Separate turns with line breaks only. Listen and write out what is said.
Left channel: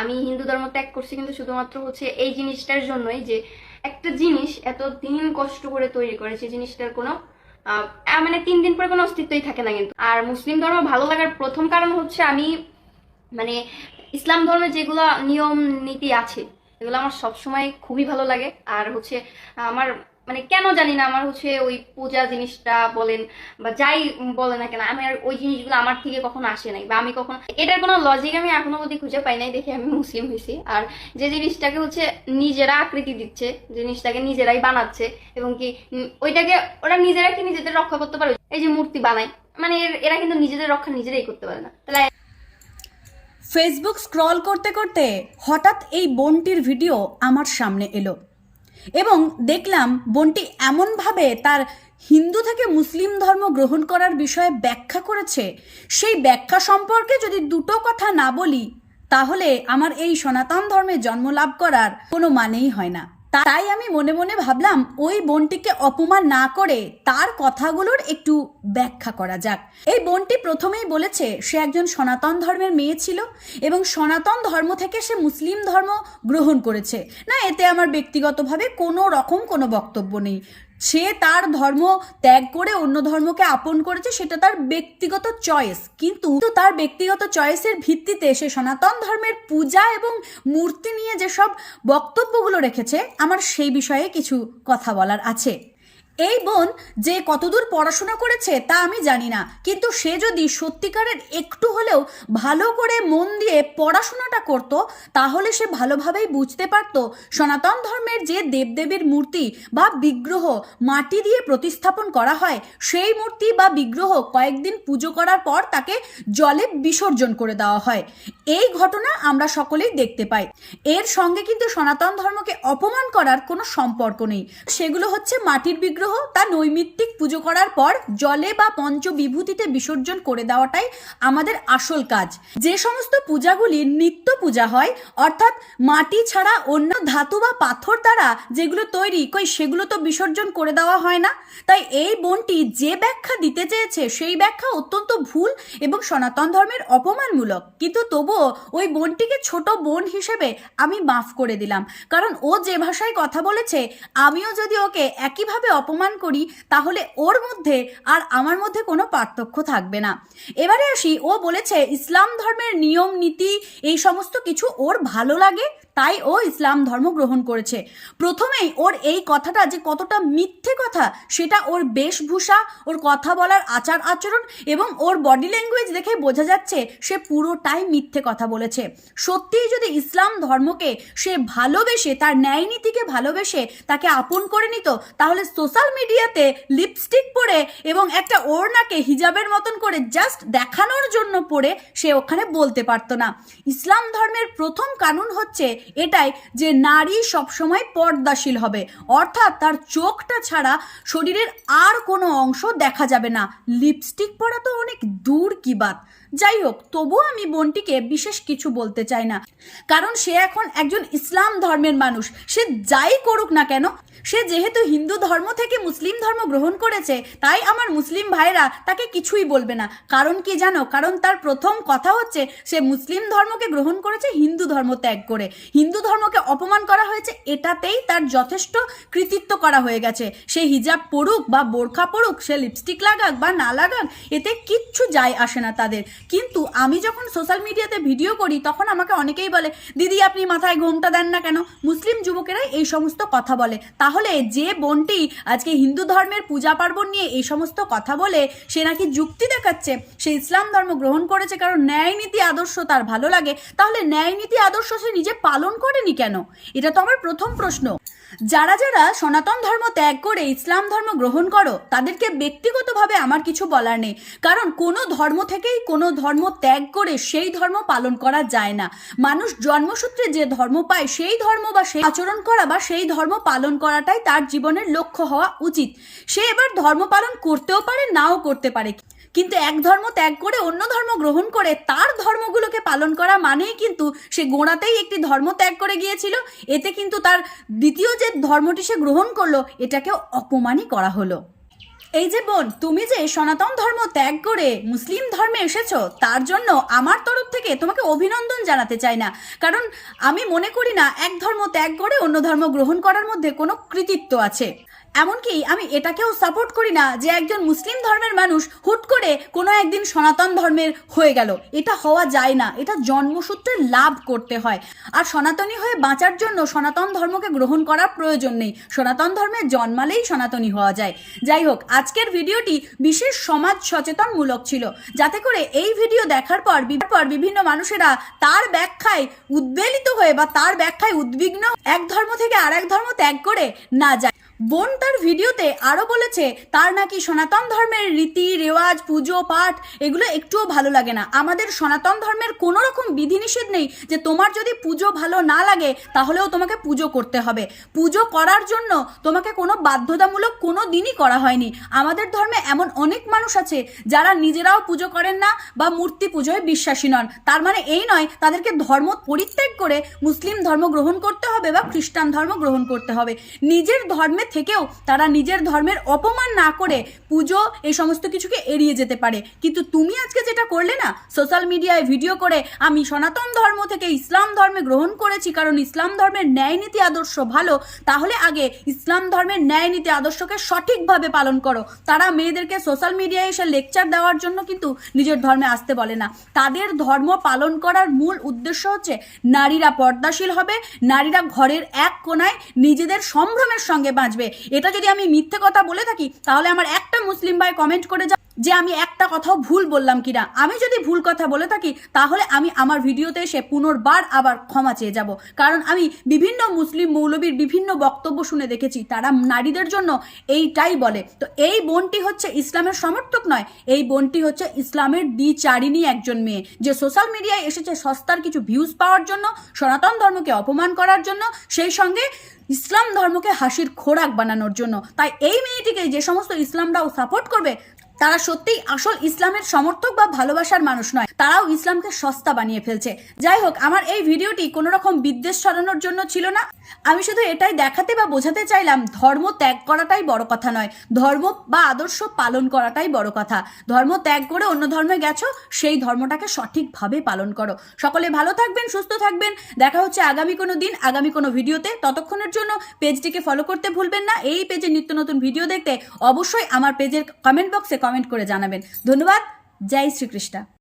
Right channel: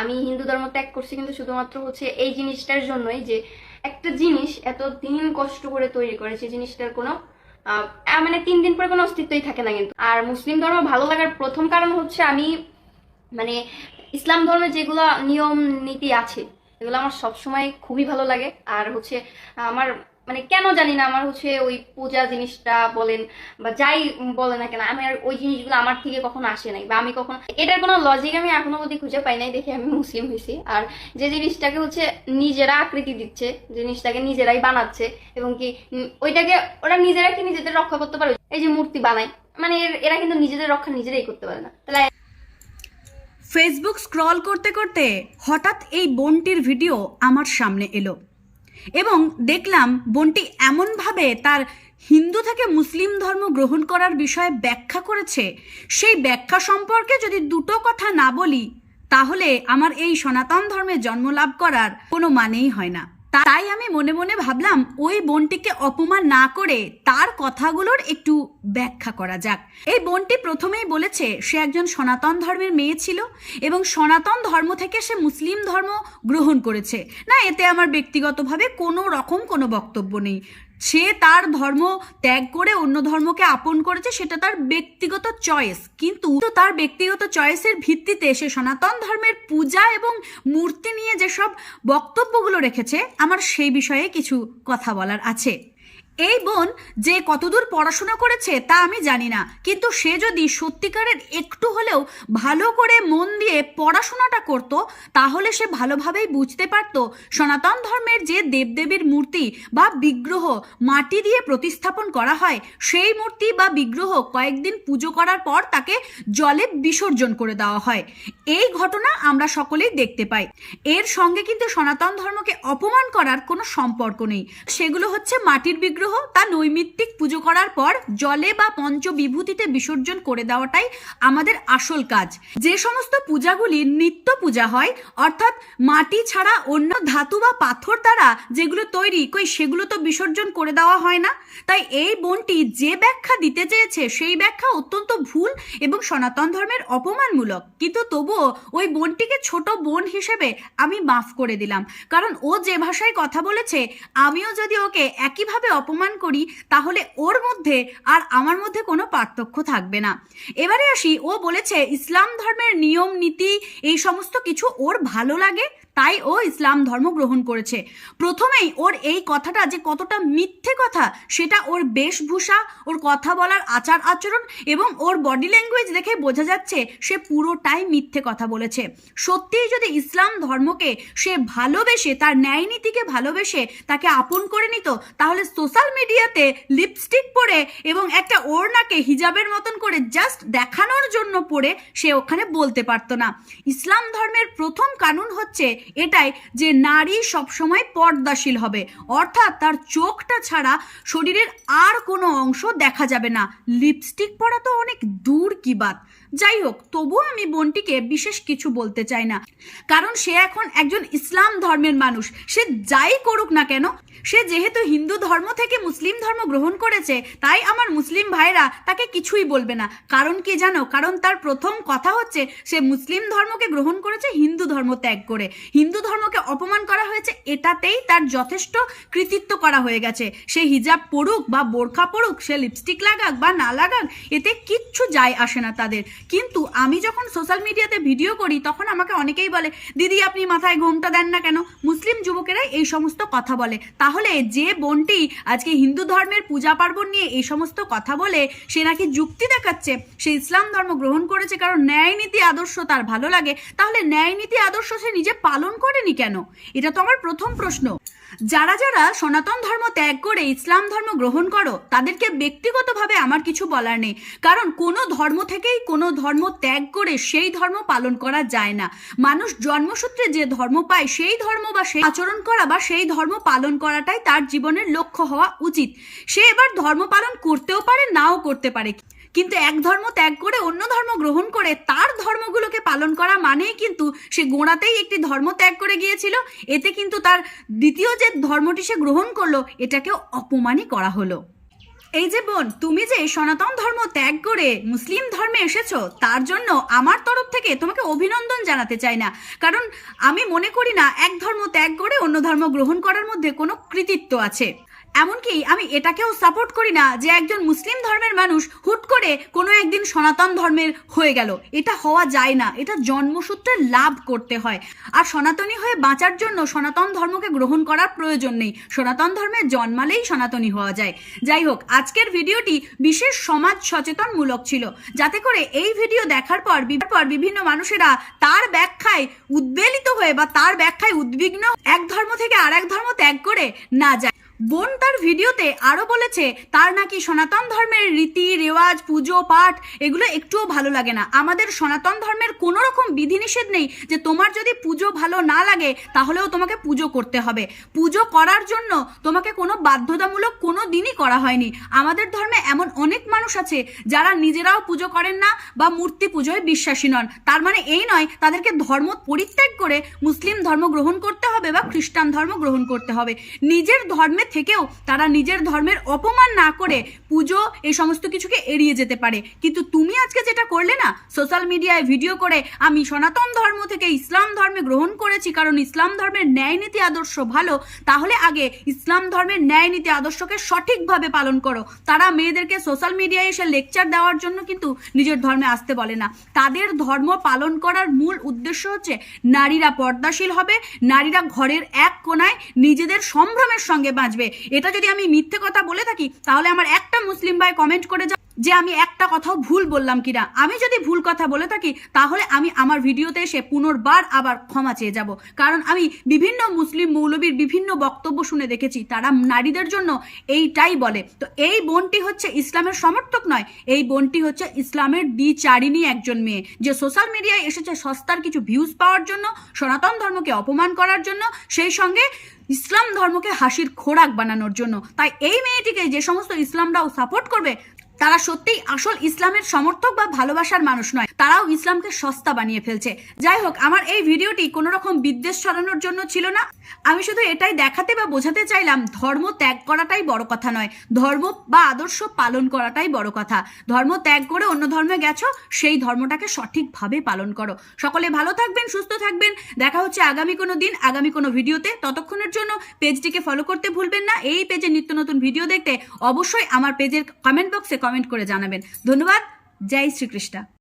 আমি হিন্দু ধর্ম ত্যাগ করছি, কিন্তু শুধুমাত্র হচ্ছে এই জিনিসটার জন্যই যে একটা জিনিস এত দিন কষ্ট করে তৈরি করে, সেই জিনিসটার কোনো মানে তিন দিন পরে কোনো অস্তিত্বই থাকে না কিন্তু। আর মুসলিম ধর্ম ভালো লাগার প্রথম কারণ হচ্ছে আমি মানে ইসলাম ধর্মের যেগুলো নিয়ম, নীতি আছে, এগুলো আমার সবসময় খুবই ভালো লাগে। আর হচ্ছে আমার মানে কেন জানি না আমার হচ্ছে ওই পূজা জিনিসটা বলেন বা যাই বলে না কেন আমি আর ওই জিনিসগুলো আমার থেকে কখনো আসে নাই বা আমি কখনো এটার কোনো লজিক আমি এখনও অবধি খুঁজে পাই নাই, দেখে আমি মুসলিম হয়েছি। আর যে জিনিসটাকে হচ্ছে নিজেরা আকৃতি দিচ্ছে, জিনিসটাকে নিজেরাই বানাচ্ছে এবং কি ওইটাকে ওরা নিজেরা কি নিজেদের রক্ষা করতে পারে? এই যে মূর্তি বানায় মানে এর- কিন্তু নিজেদের রক্ষা নিজেরাই করতে পারে না। তাহলে
ফেসবুক স্ক্রল করতে করতে হঠাৎ এই বোনটির ভিডিও আমার সামনে এলো। এবং দেখলাম বোনটি এমনভাবে তার হিন্দু থেকে মুসলিম ধর্ম গ্রহণ করার বিষয়ে ব্যাখ্যা করেছে। সেই ব্যাখ্যা সম্পর্কে যদি দুটো কথা না বলি, তাহলে আমার এই সনাতন ধর্মে জন্ম লাভ করার কোনো মানেই হয় না। তাই আমি মনে মনে ভাবলাম ওই বোনটিকে অপমান না করে তার কথাগুলোর একটু ব্যাখ্যা করা যাক। এই বোনটি প্রথমেই বলেছে, সে একজন সনাতন ধর্মের মেয়ে ছিল এবং সনাতন ধর্ম থেকে সে মুসলিম ধর্ম গ্রহণ করেছে। না, এতে আমার ব্যক্তিগতভাবে কোনো রকম কোনো বক্তব্য নেই। সে তার ধর্ম ত্যাগ করে অন্য ধর্মকে আপন করেছে, সেটা তার ব্যক্তিগত চয়েস কিন্তু তার ব্যক্তিগত চয়েসের ভিত্তিতে সে সনাতন ধর্মের পূজা এবং মূর্তি নিয়ে যেসব বক্তব্যগুলো রেখেছে, আমার সেই বিষয়ে কিছু কথা বলার আছে। এই বোন যে কতদূর পড়াশোনা করেছে তা আমি জানি না। কিন্তু সে যদি সত্যিকারের একটু হলেও ভালো করে মন দিয়ে পড়াশোনাটা করত, তাহলে সে ভালোভাবেই বুঝতে পারত সনাতন ধর্মের যে দেবদেবীর মূর্তি বা বিগ্রহ মাটি দিয়ে প্রতিস্থাপন করা হয়, সেই মূর্তি বা বিগ্রহ কয়েকদিন পুজো করার পর তাকে জলে বিসর্জন করে দেওয়া হয়। এই ঘটনা আমরা সকলেই দেখতে পাই। এর সঙ্গে কিন্তু সনাতন ধর্মকে অপমান করার কোনো সম্পর্ক নেই। সেগুলো হচ্ছে মাটির বিগ্রহ তা নৈমিত্তিক পুজো করার পর জলে বা পঞ্চ বিভূতিতে বিসর্জন করে দেওয়াটাই আমাদের আসল কাজ। যে সমস্ত পূজাগুলি নিত্য পূজা হয়, অর্থাৎ মাটি ছাড়া অন্য ধাতু বা পাথর দ্বারা যেগুলো তৈরি, কই সেগুলো তো বিসর্জন করে দেওয়া হয় না। তাই এই বনটি যে ব্যাখ্যা দিতে চেয়েছে সেই ব্যাখ্যা অত্যন্ত ভুল এবং সনাতন ধর্মের অপমানমূলক। কিন্তু তবুও ওই বোনটিকে ছোট বোন হিসেবে আমি মাফ করে দিলাম। কারণ ও যে ভাষায় কথা বলেছে, আমিও যদি ওকে একইভাবে অপমান করি, তাহলে ওর মধ্যে আর আমার মধ্যে কোনো পার্থক্য থাকবে না। এবারে আসি, ও বলেছে, ইসলাম ধর্মের নিয়ম, নীতি, এই সমস্ত কিছু ওর ভালো লাগে? তাই ও ইসলাম ধর্ম গ্রহণ করেছে। প্রথমেই ওর এই কথাটা যে কতটা মিথ্যে কথা, সেটা ওর বেশভূষা, ওর কথা বলার আচার আচরণ এবং ওর বডি ল্যাঙ্গুয়েজ দেখেই বোঝা যাচ্ছে সে পুরোটাই মিথ্যে কথা বলেছে। সত্যিই যদি ইসলাম ধর্মকে সে ভালোবেসে, তার ন্যায় নীতিকে ভালোবেসে তাকে আপন করে নিত, তাহলে সোশ্যাল মিডিয়াতে লিপস্টিক পরে এবং একটা ওড়নাকে হিজাবের মতন করে জাস্ট দেখানোর জন্য পরে সে ওখানে বলতে পারতো না। ইসলাম ধর্মের প্রথম কানুন হচ্ছে এটাই যে নারী সবসময় পর্দাশীল হবে। অর্থাৎ তার চোখটা ছাড়া শরীরের আর কোনো অংশ দেখা যাবে না। লিপস্টিক পরা তো অনেক দূর কি বাত। যাই হোক, তবুও আমি বোনটিকে বিশেষ কিছু বলতে চাই না। কারণ সে এখন একজন ইসলাম ধর্মের মানুষ। সে যাই করুক না কেন সে যেহেতু হিন্দু ধর্ম থেকে মুসলিম ধর্ম গ্রহণ করেছে, তাই আমার মুসলিম ভাইরা তাকে কিছুই বলবে না। কারণ কি জানো? কারণ তার প্রথম কথা হচ্ছে, সে মুসলিম ধর্মকে গ্রহণ করেছে, হিন্দু ধর্ম ত্যাগ করে। হিন্দু ধর্মকে অপমান করা হয়েছে, এটাতেই তার যথেষ্ট কৃতিত্ব করা হয়ে গেছে। সে হিজাব পড়ুক বা বোরখা পড়ুক সে লিপস্টিক লাগাক বা না লাগাক, এতে কিচ্ছু যায় আসে না তাদের। কিন্তু আমি যখন সোশ্যাল মিডিয়াতে ভিডিও করি, তখন আমাকে অনেকেই বলে, দিদি, আপনি মাথায় ঘোমটা দেন না কেন? মুসলিম যুবকেরাই এই সমস্ত কথা বলে। তাহলে যে বোনটি আজকে হিন্দু ধর্মের পূজা পার্বণ নিয়ে এই সমস্ত কথা বলে, সে নাকি যুক্তি দেখাচ্ছে? সে ইসলাম ধর্ম গ্রহণ করেছে, কারণ ন্যায় নীতি আদর্শ তার ভালো লাগে। তাহলে ন্যায় নীতি আদর্শ সে নিজে পালন করেনি কেন? এটা তো আমার প্রথম প্রশ্ন। যারা যারা সনাতন ধর্ম ত্যাগ করে ইসলাম ধর্ম গ্রহণ করো, তাদেরকে ব্যক্তিগতভাবে আমার কিছু বলার নেই। কারণ কোনো ধর্ম থেকেই কোনো ধর্ম ত্যাগ করে সেই ধর্ম পালন করা যায় না। মানুষ জন্মসূত্রে যে ধর্ম পায়, সেই ধর্ম বা সেই আচরণ করা বা সেই ধর্ম পালন করাটাই তার জীবনের লক্ষ্য হওয়া উচিত। সে এবার ধর্ম পালন করতেও পারে, নাও করতে পারে। কিন্তু এক ধর্ম ত্যাগ করে অন্য ধর্ম গ্রহণ করে তার ধর্মগুলোকে পালন করা মানেই কিন্তু সে গোড়াতেই একটি ধর্ম ত্যাগ করে গিয়েছিল। এতে কিন্তু তার দ্বিতীয় যে ধর্মটি সে গ্রহণ করল, এটাকে অপমানই করা হলো। এই যে বোন, তুমি যে সনাতন ধর্ম ত্যাগ করে মুসলিম ধর্মে এসেছ, তার জন্য আমার তরফ থেকে তোমাকে অভিনন্দন জানাতে চাই না। কারণ আমি মনে করি না, এক ধর্ম ত্যাগ করে অন্য ধর্ম গ্রহণ করার মধ্যে কোনো কৃতিত্ব আছে। এমনকি আমি এটাকেও সাপোর্ট করি না যে একজন মুসলিম ধর্মের মানুষ হুট করে কোনো একদিন সনাতন ধর্মের হয়ে গেল। এটা হওয়া যায় না। এটা জন্মসূত্রে লাভ করতে হয়। আর সনাতনী হয়ে বাঁচার জন্য সনাতন ধর্মকে গ্রহণ করার প্রয়োজন নেই। সনাতন ধর্মে জন্মালেই সনাতনী হওয়া যায়। যাই হোক, আজকের ভিডিওটি বিশেষ সমাজ সচেতনমূলক ছিল। যাতে করে এই ভিডিও দেখার পর পর বিভিন্ন মানুষেরা তার ব্যাখ্যায় উদ্বেলিত হয়ে বা তার ব্যাখ্যায় উদ্বিগ্ন এক ধর্ম থেকে আর এক ধর্ম ত্যাগ করে না যায়। বোন তার ভিডিওতে আরও বলেছে, তার নাকি সনাতন ধর্মের রীতি, রেওয়াজ, পুজো, পাঠ, এগুলো একটুও ভালো লাগে না। আমাদের সনাতন ধর্মের কোনো রকম বিধিনিষেধ নেই যে তোমার যদি পুজো ভালো না লাগে, তাহলেও তোমাকে পুজো করতে হবে। পুজো করার জন্য তোমাকে কোনো বাধ্যতামূলক কোনো দিনই করা হয়নি। আমাদের ধর্মে এমন অনেক মানুষ আছে যারা নিজেরাও পুজো করেন না বা মূর্তি পুজোয় বিশ্বাসী নন। তার মানে এই নয়, তাদেরকে ধর্ম পরিত্যাগ করে মুসলিম ধর্ম গ্রহণ করতে হবে বা খ্রিস্টান ধর্ম গ্রহণ করতে হবে। নিজের ধর্মে থেকেও তারা নিজের ধর্মের অপমান না করে পুজো এই সমস্ত কিছুকে এড়িয়ে যেতে পারে। কিন্তু তুমি আজকে যেটা করলে না সোশ্যাল মিডিয়ায় ভিডিও করে আমি সনাতন ধর্ম থেকে ইসলাম ধর্মে গ্রহণ করেছি, কারণ ইসলাম ধর্মের ন্যায় নীতি আদর্শ ভালো, তাহলে আগে ইসলাম ধর্মের ন্যায় নীতি আদর্শকে সঠিকভাবে পালন করো। তারা মেয়েদেরকে সোশ্যাল মিডিয়ায় এসে লেকচার দেওয়ার জন্য কিন্তু নিজের ধর্মে আসতে বলে না। তাদের ধর্ম পালন করার মূল উদ্দেশ্য হচ্ছে নারীরা পর্দাশীল হবে, নারীরা ঘরের এক কোনায় নিজেদের সম্ভ্রমের সঙ্গে বাঁচবে। এটা যদি আমি মিথ্যে কথা বলে থাকি, তাহলে আমার একটা মুসলিম ভাই কমেন্ট করে যা যে আমি একটা কথাও ভুল বললাম কিনা। আমি যদি ভুল কথা বলে থাকি, তাহলে আমি আমার ভিডিওতে এসে পুনর্বার আবার ক্ষমা চেয়ে যাব। কারণ আমি বিভিন্ন মুসলিম মৌলবীর বিভিন্ন বক্তব্য শুনে দেখেছি, তারা নারীদের জন্য এইটাই বলে। তো এই বোনটি হচ্ছে ইসলামের সমর্থক নয়, এই বোনটি হচ্ছে ইসলামের দ্বিচারিণী একজন মেয়ে, যে সোশ্যাল মিডিয়ায় এসেছে সস্তার কিছু ভিউজ পাওয়ার জন্য, সনাতন ধর্মকে অপমান করার জন্য, সেই সঙ্গে ইসলাম ধর্মকে হাসির খোরাক বানানোর জন্য। তাই এই মেয়েটিকে যে সমস্ত ইসলামরাও সাপোর্ট করবে তারা সত্যিই আসল ইসলামের সমর্থক বা ভালোবাসার মানুষ নয়। তারাও ইসলামকে সস্তা বানিয়ে ফেলছে। যাই হোক, আমার এই ভিডিওটি কোনো রকম বিদ্বেষ ছড়ানোর জন্য ছিল না। আমি শুধু এটাই দেখাতে বা বোঝাতে চাইলাম, ধর্ম ত্যাগ করাটাই বড় কথা নয়। ধর্ম বা আদর্শ পালন করাটাই বড় কথা। ধর্ম ত্যাগ করে অন্য ধর্মে গেছো, সেই ধর্মটাকে সঠিকভাবে পালন করো। সকলে ভালো থাকবেন, সুস্থ থাকবেন। দেখা হচ্ছে আগামী কোনো দিন, আগামী কোনো ভিডিওতে। ততক্ষণের জন্য পেজটিকে ফলো করতে ভুলবেন না। এই পেজে নিত্য নতুন ভিডিও দেখতে অবশ্যই আমার পেজের কমেন্ট বক্সে কমেন্ট করে জানাবেন। ধন্যবাদ। জয় শ্রীকৃষ্ণ।